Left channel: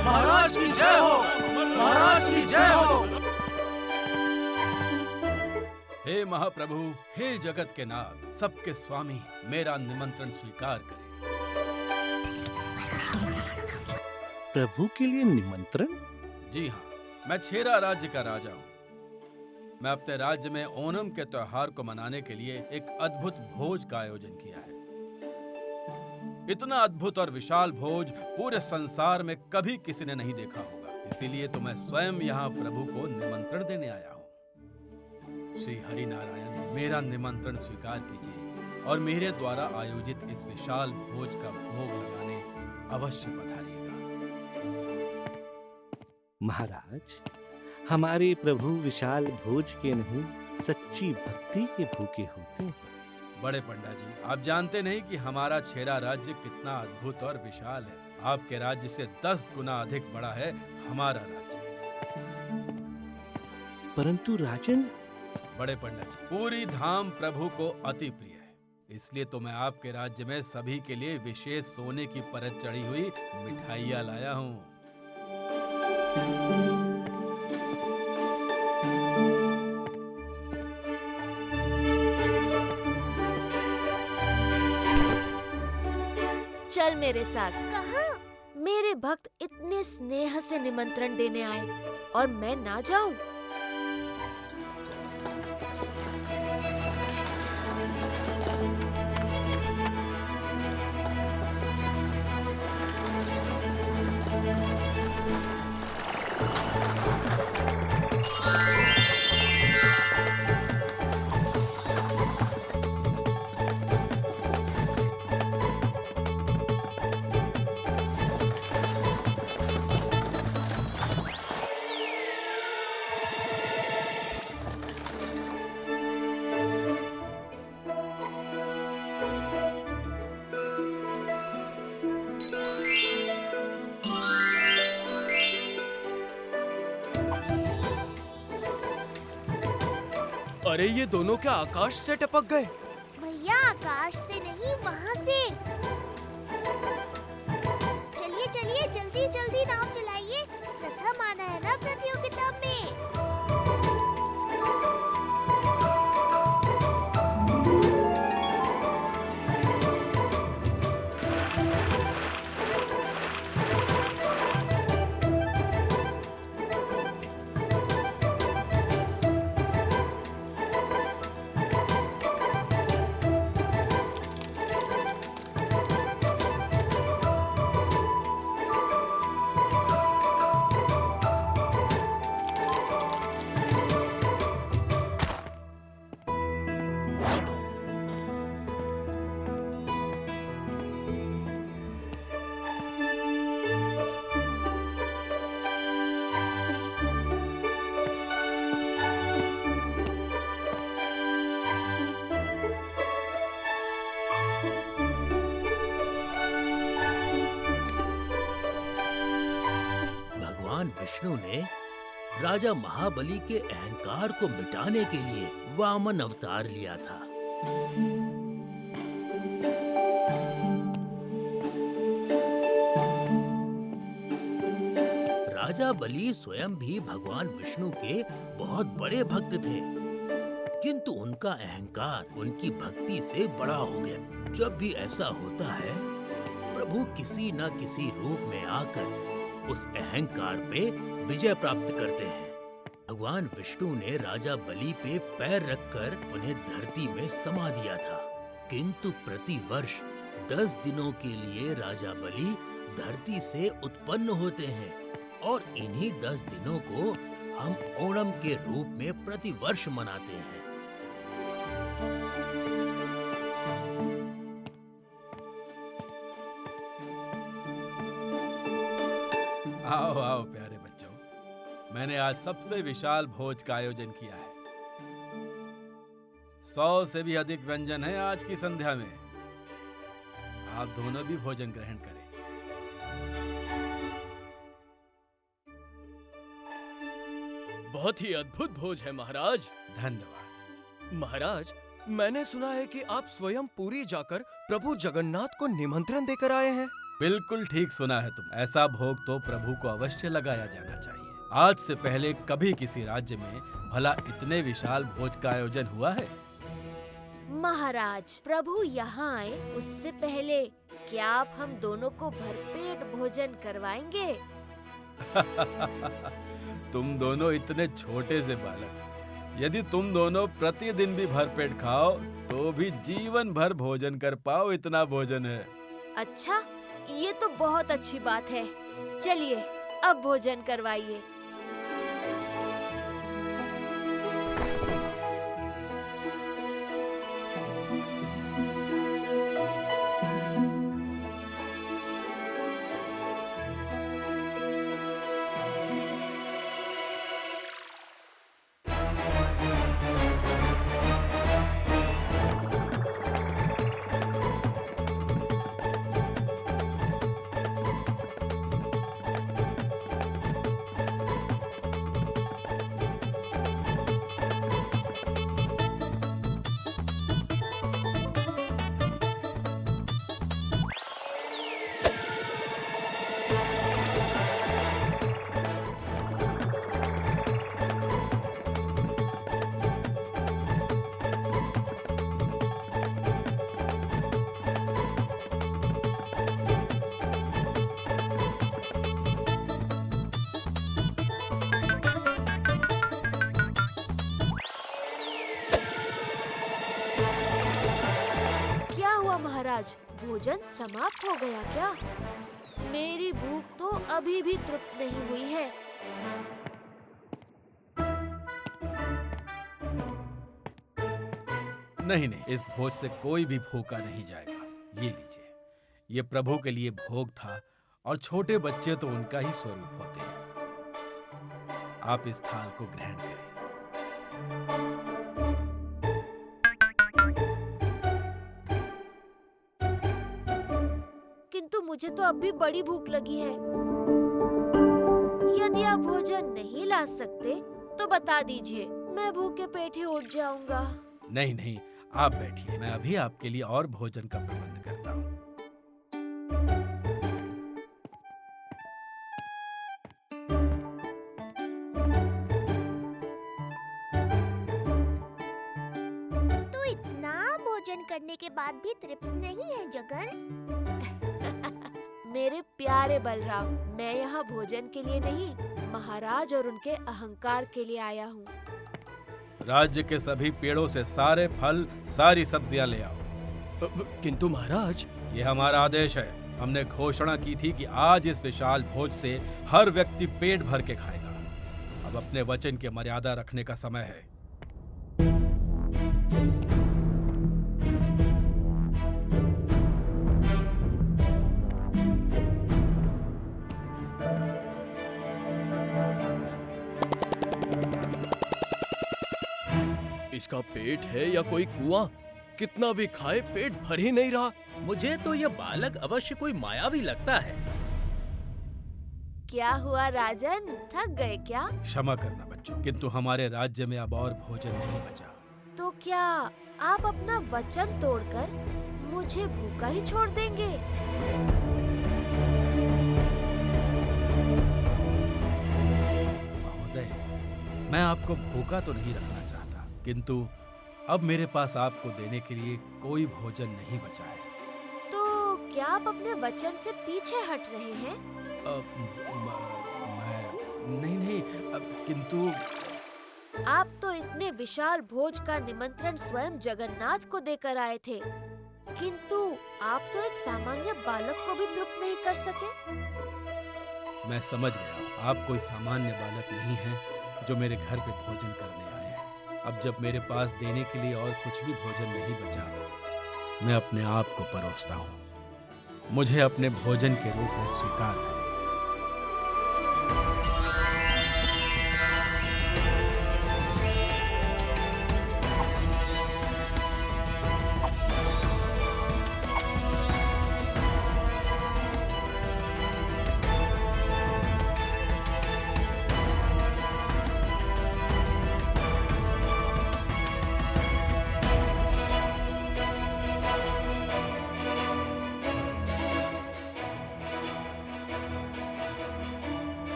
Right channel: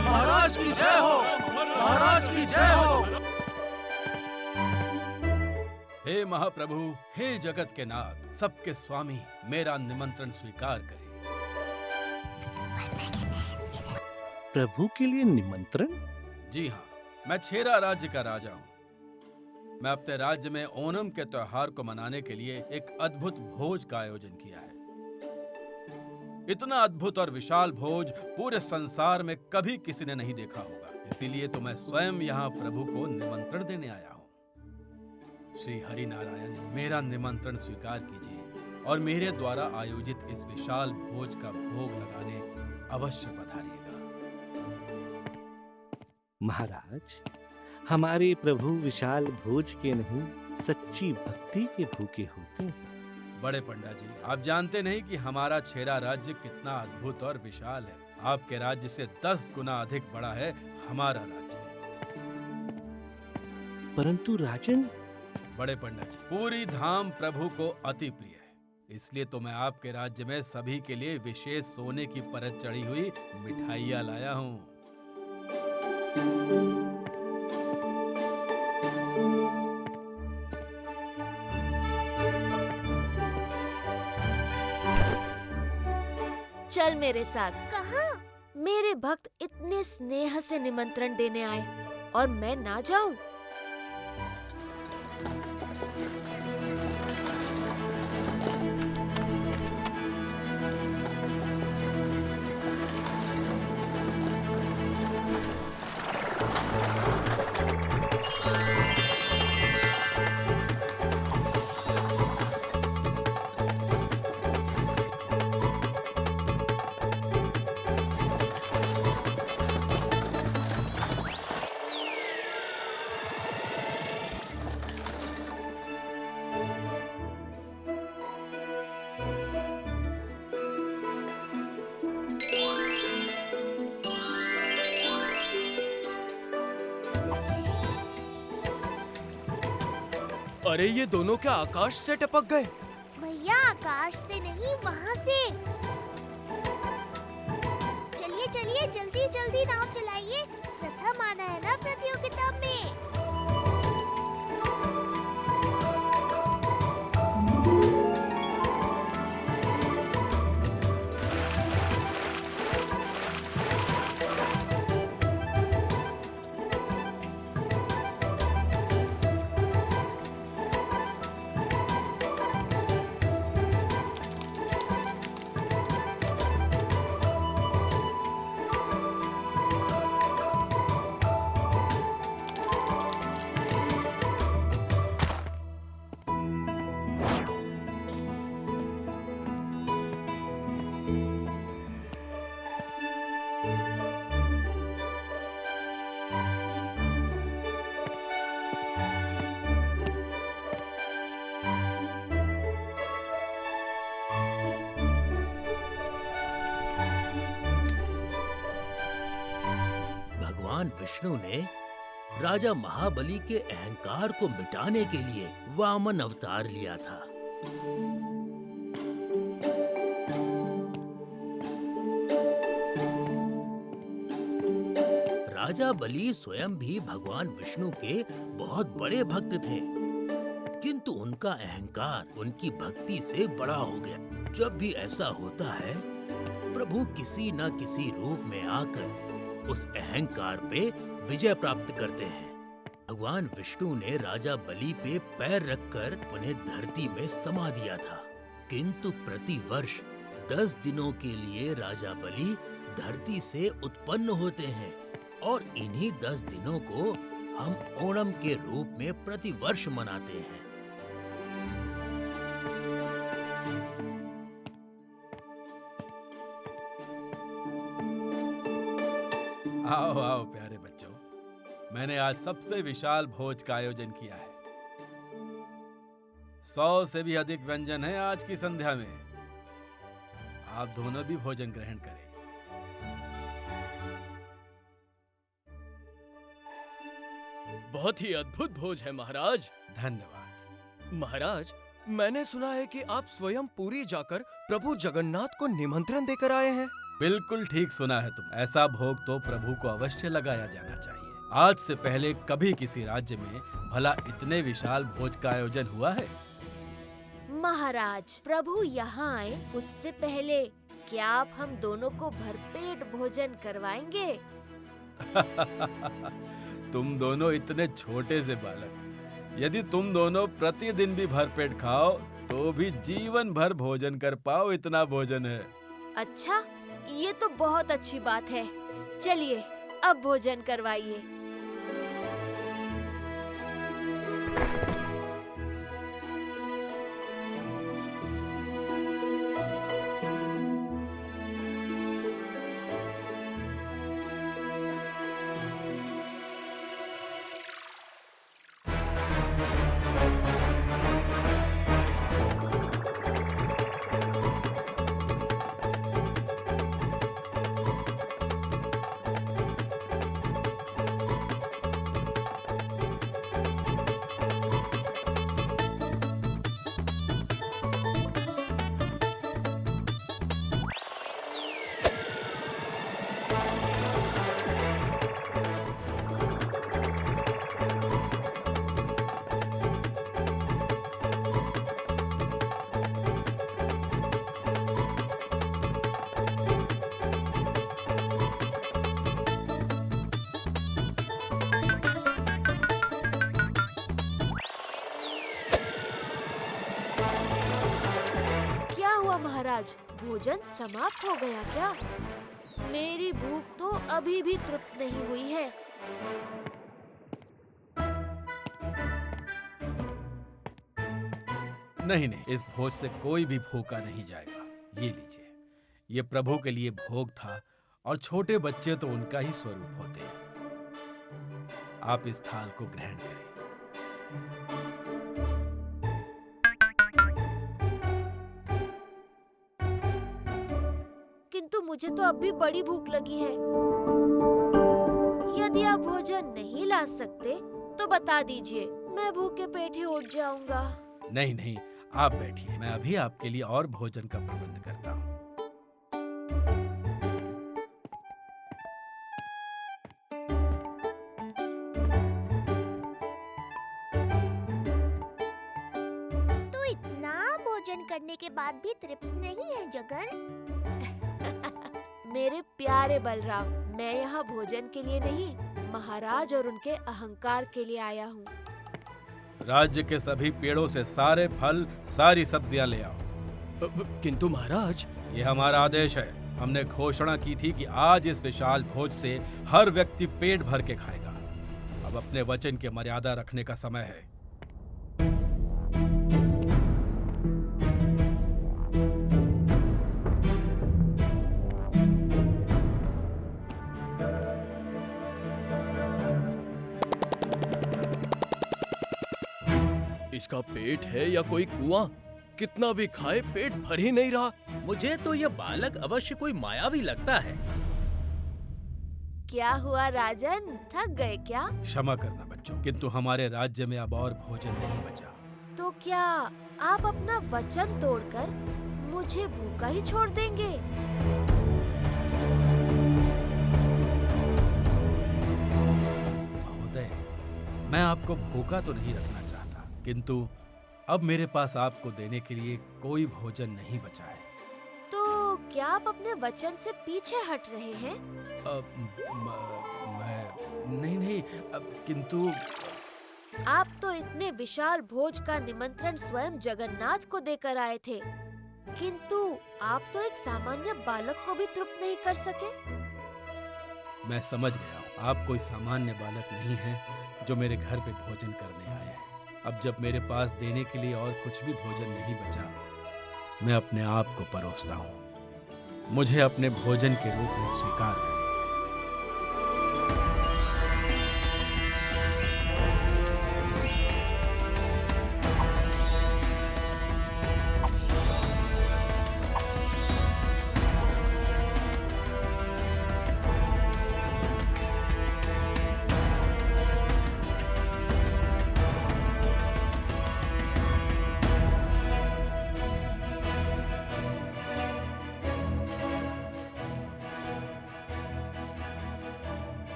महाराज की जय हो, महाराज की जय हो। हे महाप्रभु, हे जगत के नाथ, सबके स्वामी, मेरा निमंत्रण स्वीकार करें। प्रभु के लिए निमंत्रण? जी हाँ, मैं छेरा राज्य का राजा हूँ। मैं अपने राज्य में ओणम के त्योहार को मनाने के लिए एक अद्भुत भोज का आयोजन किया है। इतना अद्भुत और विशाल भोज पूरे संसार में कभी किसी ने नहीं देखा होगा। इसीलिए तो मैं स्वयं यहाँ प्रभु को निमंत्रण देने आया हूँ। श्री हरि नारायण, मेरा निमंत्रण स्वीकार कीजिए और मेरे द्वारा आयोजित इस विशाल भोज का भोग लगाने अवश्य पधारिएगा। महाराज, हमारे प्रभु विशाल भोज के नहीं, सच्ची भक्ति के भूखे होते हैं। बड़े पंडा जी, आप जानते नहीं कि हमारा छेरा राज्य कितना अद्भुत और विशाल है। आपके राज्य से 10 गुना अधिक बड़ा है हमारा राज्य। परंतु राजन, बड़े पंडा जी, पूरी धाम प्रभु को अति प्रिय है। इसलिए तो मैं आपके राज्य में सभी के लिए विशेष सोने की परत चढ़ी हुई मिठाइयाँ लाया हूँ। चल मेरे साथ। कहाँ? मेरे भक्त इतने स्नेह से निमंत्रण देने आए और मैं ना जाऊं? अरे ये दोनों क्या आकाश से टपक गए? भैया, आकाश से नहीं, वहाँ से। चलिए चलिए, जल्दी जल्दी नाव चलाइए। प्रथम आना है ना प्रतियोगिता में। भगवान विष्णु ने राजा महाबली के अहंकार को मिटाने के लिए वामन अवतार लिया था। राजा बलि स्वयं भी भगवान विष्णु के बहुत बड़े भक्त थे, किंतु उनका अहंकार उनकी भक्ति से बड़ा हो गया। जब भी ऐसा होता है, प्रभु किसी न किसी रूप में आकर उस अहंकार पे विजय प्राप्त करते हैं। भगवान विष्णु ने राजा बलि पे पैर रखकर उन्हें धरती में समा दिया था, किंतु प्रतिवर्ष 10 दिनों के लिए राजा बलि धरती से उत्पन्न होते हैं और इन्हीं 10 दिनों को हम ओणम के रूप में प्रतिवर्ष मनाते हैं। आओ आओ प्यारे बच्चों, मैंने आज सबसे विशाल भोज का आयोजन किया है। 100 से भी अधिक व्यंजन हैं आज की संध्या में। आप दोनों भी भोजन ग्रहण करें। बहुत ही अद्भुत भोज है महाराज। धन्यवाद। महाराज, मैंने सुना है कि आप स्वयं पुरी जाकर प्रभु जगन्नाथ को निमंत्रण देकर आए हैं। बिल्कुल ठीक सुना है तुम। ऐसा भोग तो प्रभु को अवश्य लगाया जाना चाहिए। आज से पहले कभी किसी राज्य में भला इतने विशाल भोज का आयोजन हुआ है? महाराज, प्रभु यहाँ आए उससे पहले क्या आप हम दोनों को भरपेट भोजन करवाएंगे? तुम दोनों इतने छोटे से बालक, यदि तुम दोनों प्रतिदिन भी भरपेट खाओ तो भी जीवन भर भोजन कर पाओ, इतना भोजन है। अच्छा, ये तो बहुत अच्छी बात है। चलिए अब भोजन करवाइए। क्या हुआ महाराज, भोजन समाप्त हो गया क्या? मेरी भूख तो अभी भी तृप्त नहीं हुई है। नहीं नहीं, इस भोज से कोई भी भूखा नहीं जाएगा। ये लीजिए, ये प्रभु के लिए भोग था और छोटे बच्चे तो उनका ही स्वरूप होते हैं। आप इस थाल को ग्रहण करें। किंतु मुझे तो अब भी बड़ी भूख लगी है। यदि आप भोजन नहीं ला सकते तो बता दीजिए, मैं भूखे पेट ही उठ जाऊंगा। नहीं नहीं, आप बैठिए, मैं अभी आपके लिए और भोजन का प्रबंध करता हूँ। तू इतना भोजन करने के बाद भी तृप्त नहीं है जगन? मेरे प्यारे बलराम, मैं यहाँ भोजन के लिए नहीं, महाराज और उनके अहंकार के लिए आया हूँ। राज्य के सभी पेड़ों से सारे फल, सारी सब्जियां ले आओ। किंतु महाराज, ये हमारा आदेश है। हमने घोषणा की थी कि आज इस विशाल भोज से हर व्यक्ति पेट भर के खाएगा। अब अपने वचन की मर्यादा रखने का समय है। इसका पेट है या कोई कुआं? कितना भी खाए पेट भर ही नहीं रहा। मुझे तो यह बालक अवश्य कोई मायावी लगता है। क्या हुआ राजन, थक गए क्या? क्षमा करना बच्चों, किंतु हमारे राज्य में अब और भोजन नहीं बचा। तो क्या आप अपना वचन तोड़कर मुझे भूखा ही छोड़ देंगे? महोदय, मैं आपको भूखा तो नहीं रखना चाहता, किंतु अब मेरे पास आपको देने के लिए कोई भोजन नहीं बचा है। तो क्या आप अपने वचन से पीछे हट रहे हैं? मैं नहीं, किंतु आप तो इतने विशाल भोज का निमंत्रण स्वयं जगन्नाथ को देकर आए थे, किंतु आप तो एक सामान्य बालक को भी तृप्त नहीं कर सके। मैं समझ गया हूँ, आप कोई सामान्य बालक नहीं हैं जो मेरे घर पे भोजन करने आए हैं। अब जब मेरे पास देने के लिए और कुछ भी भोजन नहीं बचा, मैं अपने आप को परोसता हूँ। मुझे अपने भोजन के रूप में स्वीकार करें।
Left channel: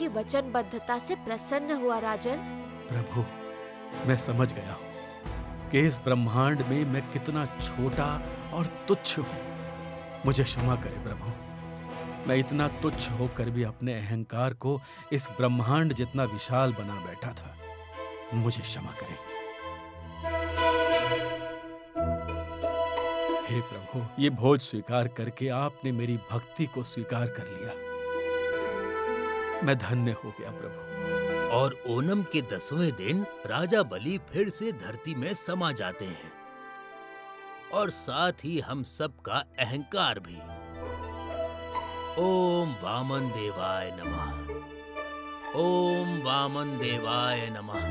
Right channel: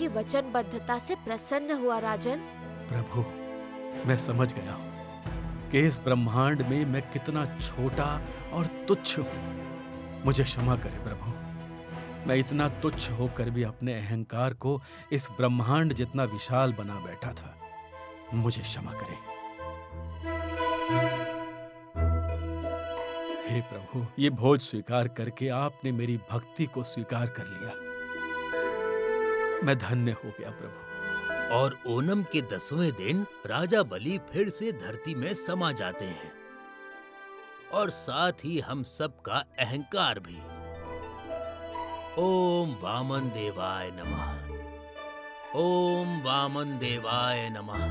आपकी वचनबद्धता से प्रसन्न हुआ राजन। प्रभु, मैं समझ गया हूँ कि इस ब्रह्मांड में मैं कितना छोटा और तुच्छ हूँ। मुझे क्षमा करे प्रभु। मैं इतना तुच्छ होकर भी अपने अहंकार को इस ब्रह्मांड जितना विशाल बना बैठा था। मुझे क्षमा करें। हे प्रभु, ये भोज स्वीकार करके आपने मेरी भक्ति को स्वीकार कर लिया। मैं धन्य हो गया प्रभु। और ओणम के 10वें दिन राजा बलि फिर से धरती में समा जाते हैं और साथ ही हम सब का अहंकार भी। ओम वामन देवाय नमः। ओम वामन देवाय नमः।